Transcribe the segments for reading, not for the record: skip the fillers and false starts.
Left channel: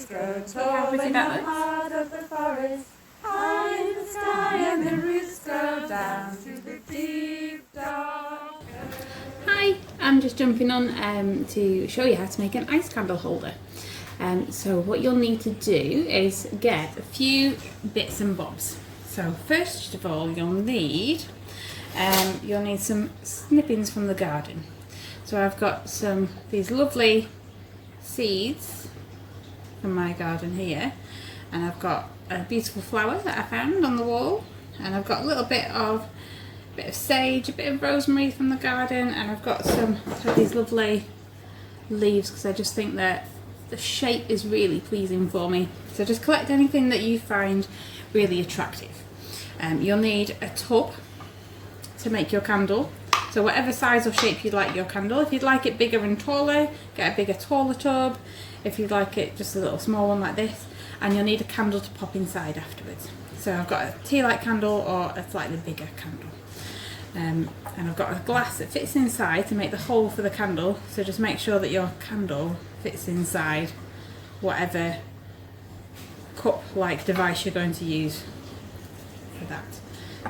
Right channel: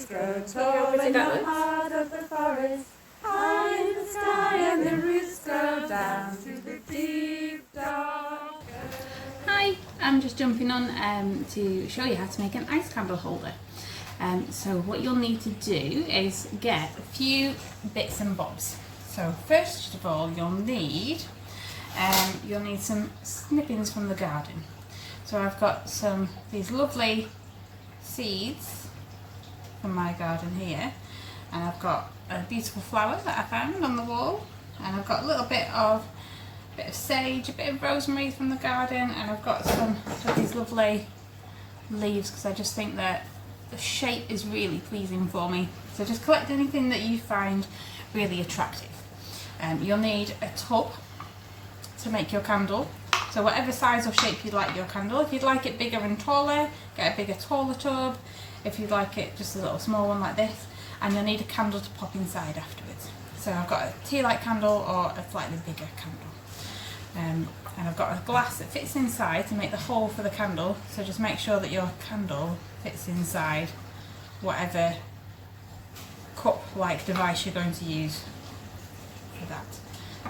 trees grow tall in the heart of the forest, high in the sky, and the roots go down through the deep dark earth. Hi, I'm just jumping on to show you how to make an ice candle holder. So what you'll need to do is get a few bits and bobs. So first of all, you'll need some snippings from the garden. So I've got these lovely seeds from my garden here, and I've got a beautiful flower that I found on the wall, and I've got a little bit of sage, a bit of rosemary from the garden, and I've got some of these lovely leaves because I just think that the shape is really pleasing for me. So just collect anything that you find really attractive. You'll need a tub to make your candle. So whatever size or shape you'd like your candle. If you'd like it bigger and taller, get a bigger, taller tub. If you'd like it just a little small one like this. And you'll need a candle to pop inside afterwards. So I've got a tea light candle or a slightly bigger candle. And I've got a glass that fits inside to make the hole for the candle. So just make sure that your candle fits inside whatever cup-like device you're going to use for that.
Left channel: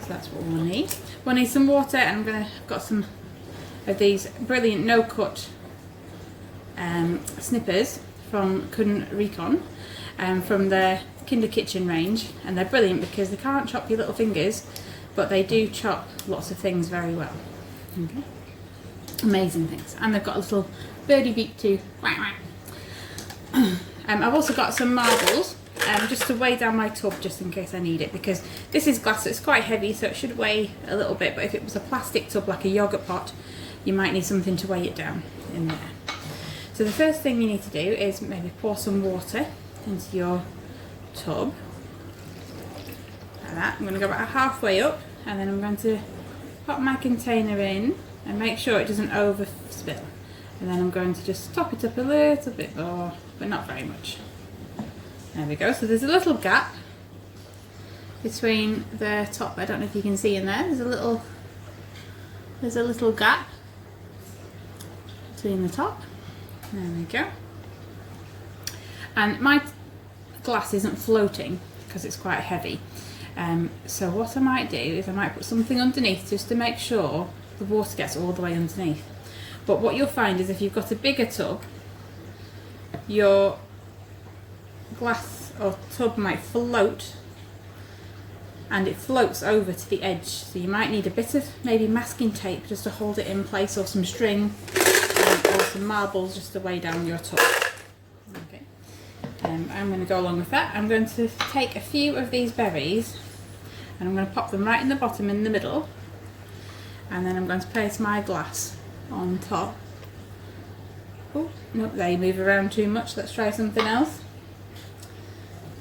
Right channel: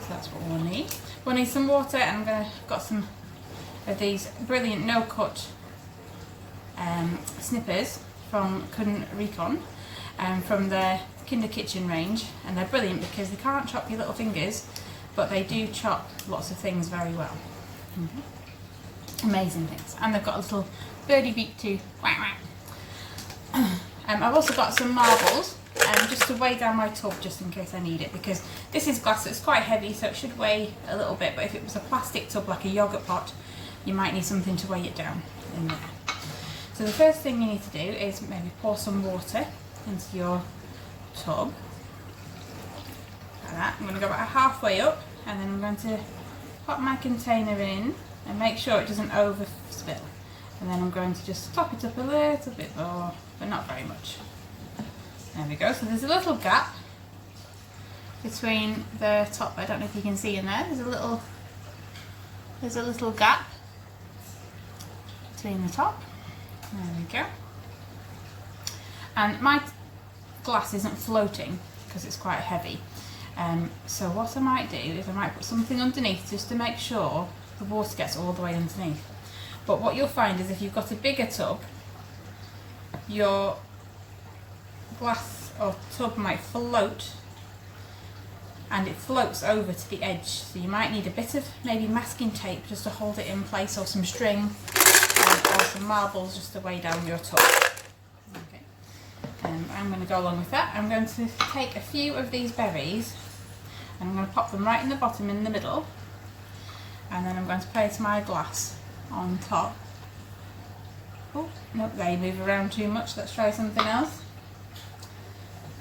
So that's what we'll need. We'll need some water, and I've got some of these brilliant no-cut snippers from Recon from the Kinder Kitchen range, and they're brilliant because they can't chop your little fingers, but they do chop lots of things very well. Okay. Amazing things. And they've got a little birdie beak too. Quack, quack. I've also got some marbles just to weigh down my tub, just in case I need it, because this is glass, so it's quite heavy, so it should weigh a little bit, but if it was a plastic tub like a yogurt pot, you might need something to weigh it down in there. So the first thing you need to do is maybe pour some water into your tub like that. I'm going to go about halfway up, and then I'm going to pop my container in and make sure it doesn't overspill, and then I'm going to just top it up a little bit more, but not very much. There we go. So there's a little gap between the top. I don't know if you can see in there. There's a little gap between the top. There we go. And my glass isn't floating because it's quite heavy. So what I might do is I might put something underneath just to make sure the water gets all the way underneath. But what you'll find is if you've got a bigger tub, your glass or tub might float, and it floats over to the edge. So you might need a bit of maybe masking tape just to hold it in place, or some string, or some marbles just to weigh down your tub. Okay. I'm going to go along with that. I'm going to take a few of these berries and I'm going to pop them right in the bottom in the middle, and then I'm going to place my glass on top. Oh, nope, they move around too much. Let's try something else.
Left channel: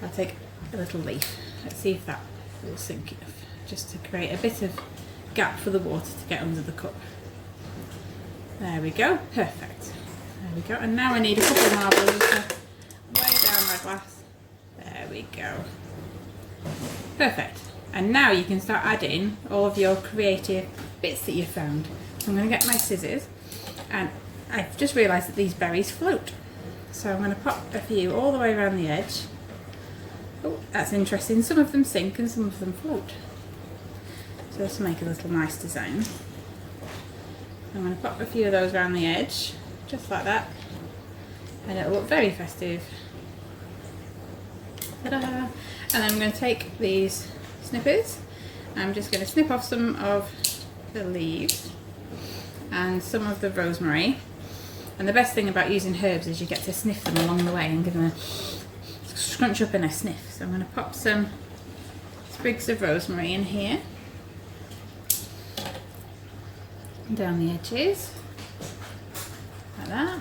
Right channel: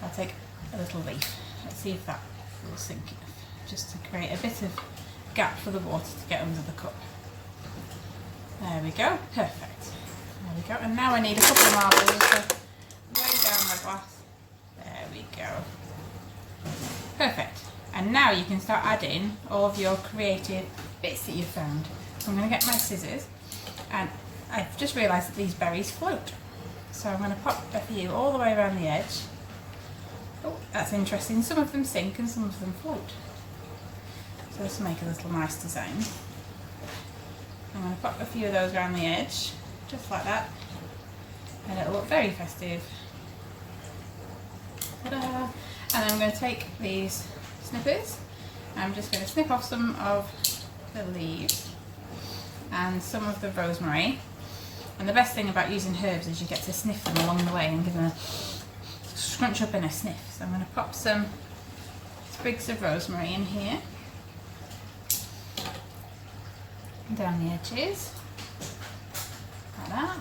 I'll take a little leaf. Let's see if that will sink enough, just to create a bit of gap for the water to get under the cup. There we go, perfect. There we go, and now I need a couple of marbles to weigh down my glass. There we go. Perfect. And now you can start adding all of your creative bits that you've found. So I'm going to get my scissors, and I've just realised that these berries float. So I'm going to pop a few all the way around the edge. Oh, that's interesting. Some of them sink and some of them float. So let's make a little nice design. I'm going to pop a few of those around the edge, just like that. And it'll look very festive. Ta-da! And then I'm going to take these snippers. I'm just going to snip off some of the leaves and some of the rosemary. And the best thing about using herbs is you get to sniff them along the way and give them a scrunch up and a sniff. So I'm going to pop some sprigs of rosemary in here, down the edges, like that.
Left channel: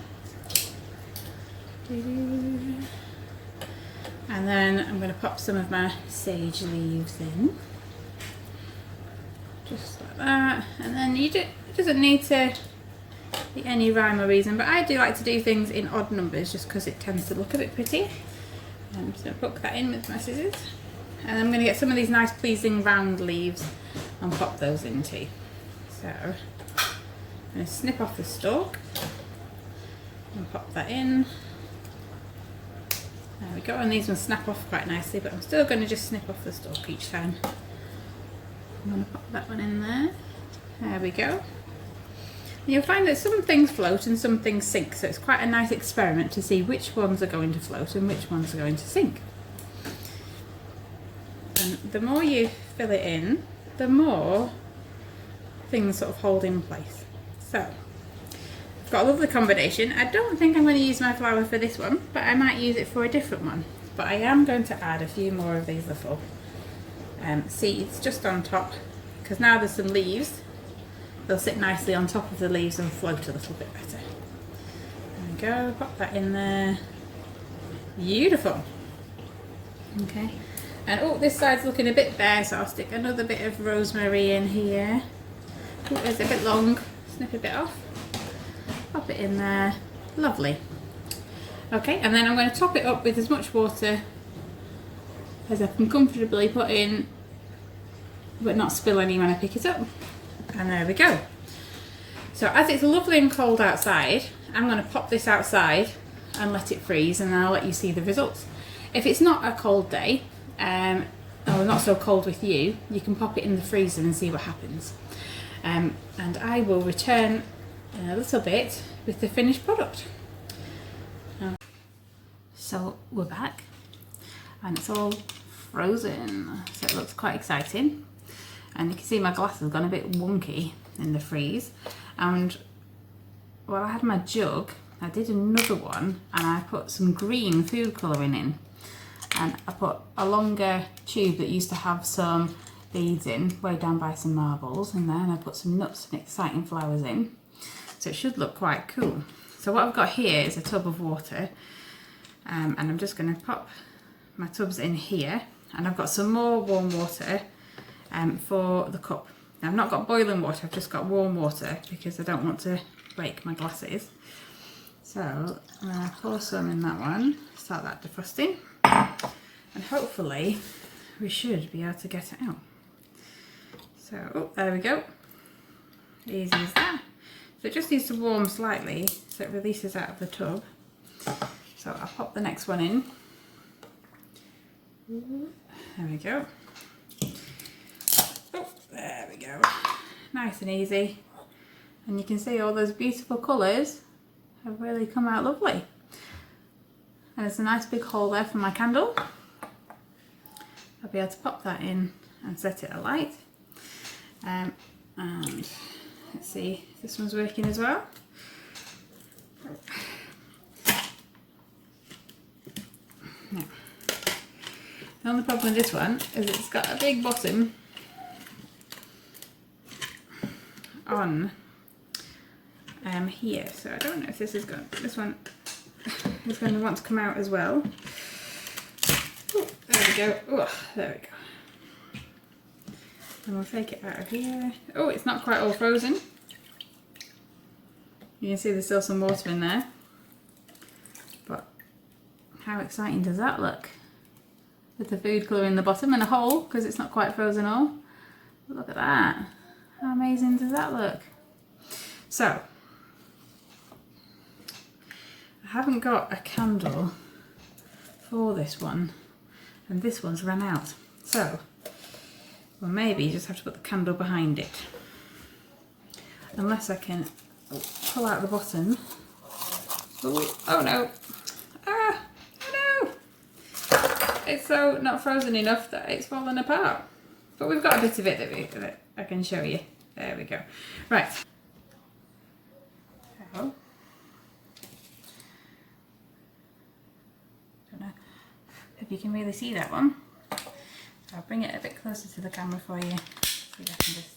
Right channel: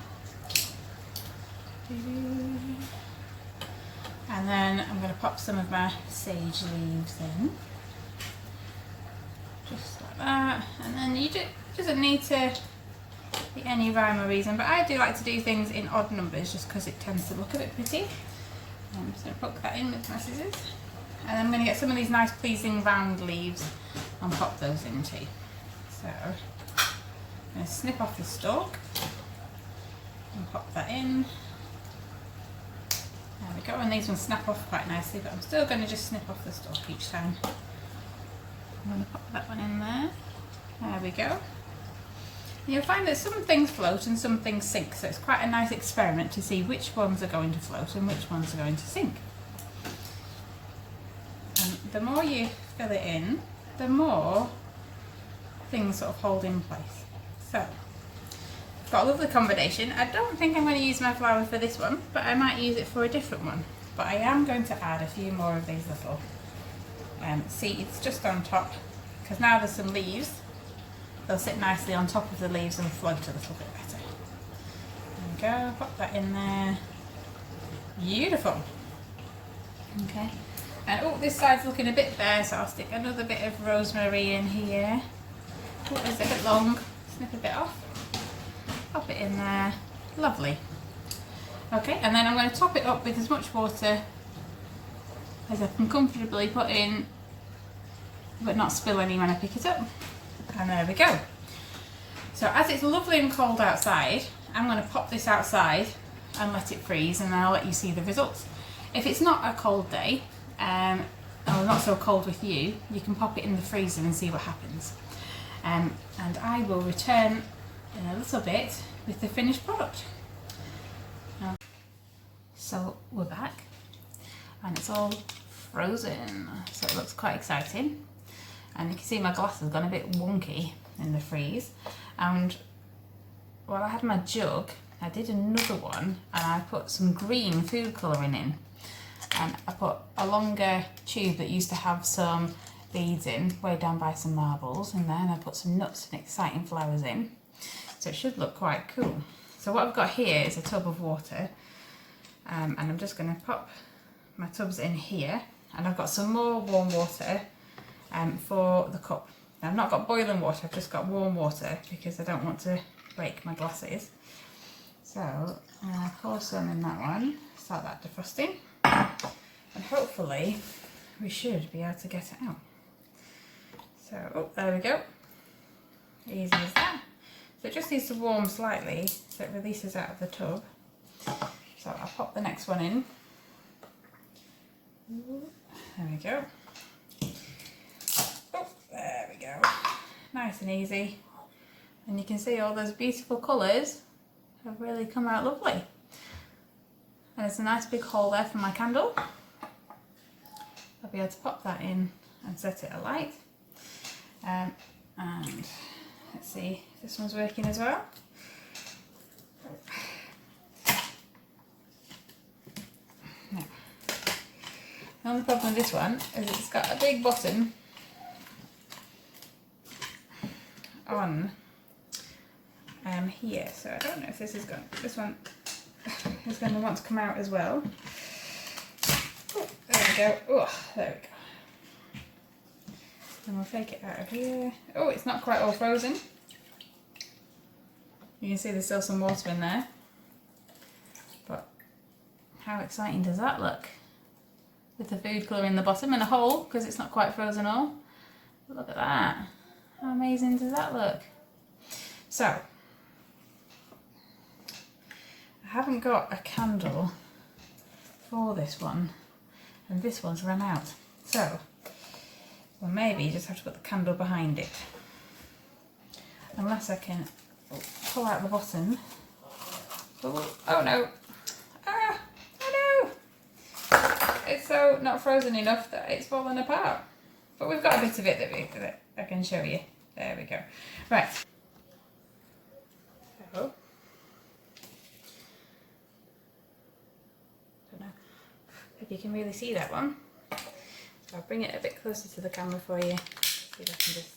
And then I'm going to pop some of my sage leaves in, just like that. And then it doesn't need to be any rhyme or reason, but I do like to do things in odd numbers just because it tends to look a bit pretty. I'm just going to poke that in with my scissors, and I'm going to get some of these nice pleasing round leaves and pop those in too. So I'm going to snip off the stalk and pop that in. There we go, and these ones snap off quite nicely, but I'm still going to just snip off the stalk each time. I'm going to pop that one in there. There we go. You'll find that some things float and some things sink, so it's quite a nice experiment to see which ones are going to float and which ones are going to sink. And the more you fill it in, the more things sort of hold in place. So, I've got a lovely combination. I don't think I'm going to use my flower for this one, but I might use it for a different one. But I am going to add a few more of these little seeds just on top, because now there's some leaves. They'll sit nicely on top of the leaves and float a little bit better. There we go, pop that in there. Beautiful. Okay, and oh, this side's looking a bit bare, so I'll stick another bit of rosemary in here. Oh, it's a bit long, snip a bit off. Pop it in there, lovely. Okay, and then I'm going to top it up with as much water as I can comfortably put in, but not spill any when I pick it up. And there we go. So as it's lovely and cold outside, I'm going to pop this outside and let it freeze, and then I'll let you see the results. If it's not a cold day, or not so cold with you, you can pop it in the freezer and see what happens. And I will return in a little bit with the finished product. So we're back, and it's all frozen, so it looks quite exciting. And you can see my glass has gone a bit wonky in the freeze. And while I had my jug, I did another one, and I put some green food colouring in. And I put a longer tube that used to have some beads in, way down by some marbles in there, and I put some nuts and exciting flowers in. So it should look quite cool. So what I've got here is a tub of water, and I'm just going to pop my tubs in here, and I've got some more warm water for the cup. Now, I've not got boiling water, I've just got warm water because I don't want to break my glasses. So I'm going to pour some in that one, start that defrosting, and hopefully we should be able to get it out. So, oh, there we go. Easy as that. So it just needs to warm slightly so it releases out of the tub. So I'll pop the next one in. There we go. Oh, there we go. Nice and easy. And you can see all those beautiful colours have really come out lovely. And there's a nice big hole there for my candle. I'll be able to pop that in and set it alight. And let's see if this one's working as well. No. The only problem with this one is it's got a big bottom on here, so I don't know if this one is going to want to come out as well. Oh, there we go. Oh, there we go. And we'll take it out of here. Oh, it's not quite all frozen. You can see there's still some water in there. But how exciting does that look? With the food colour in the bottom and a hole because it's not quite frozen all. Look at that. How amazing does that look? So, I haven't got a candle for this one, and this one's run out. So, well, maybe you just have to put the candle behind it. Unless I can pull out the bottom. Oh no! Ah! Oh no! It's so not frozen enough that it's fallen apart. But we've got a bit of it that I can show you. There we go. Right. So, don't know if you can really see that one. So I'll bring it a bit closer to the camera for you. See if I can just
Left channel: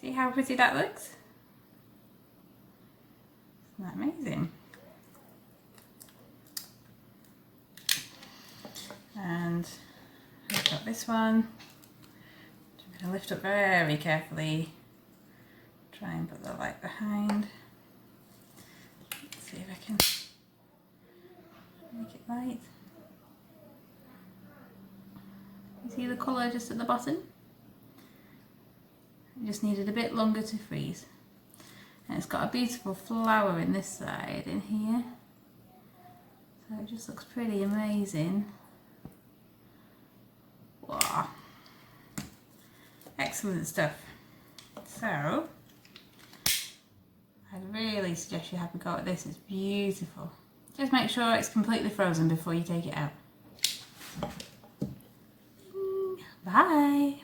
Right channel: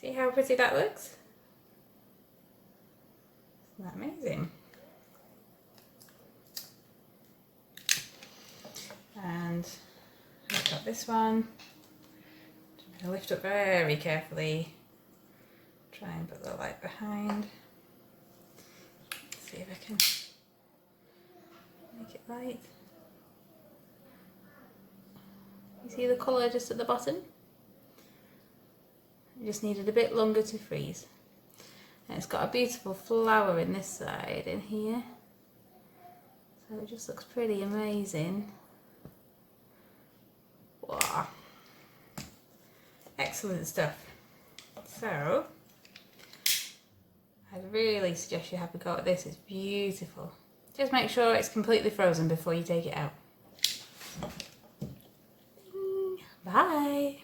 see how pretty that looks. Isn't that amazing? And I've got this one. I'm going to lift up very carefully. Try and put the light behind. Let's see if I can make it light. You see the colour just at the bottom? It just needed a bit longer to freeze. And it's got a beautiful flower in this side in here. So it just looks pretty amazing. Wow. Excellent stuff. So, I'd really suggest you have a go at this. It's beautiful. Just make sure it's completely frozen before you take it out. Bye!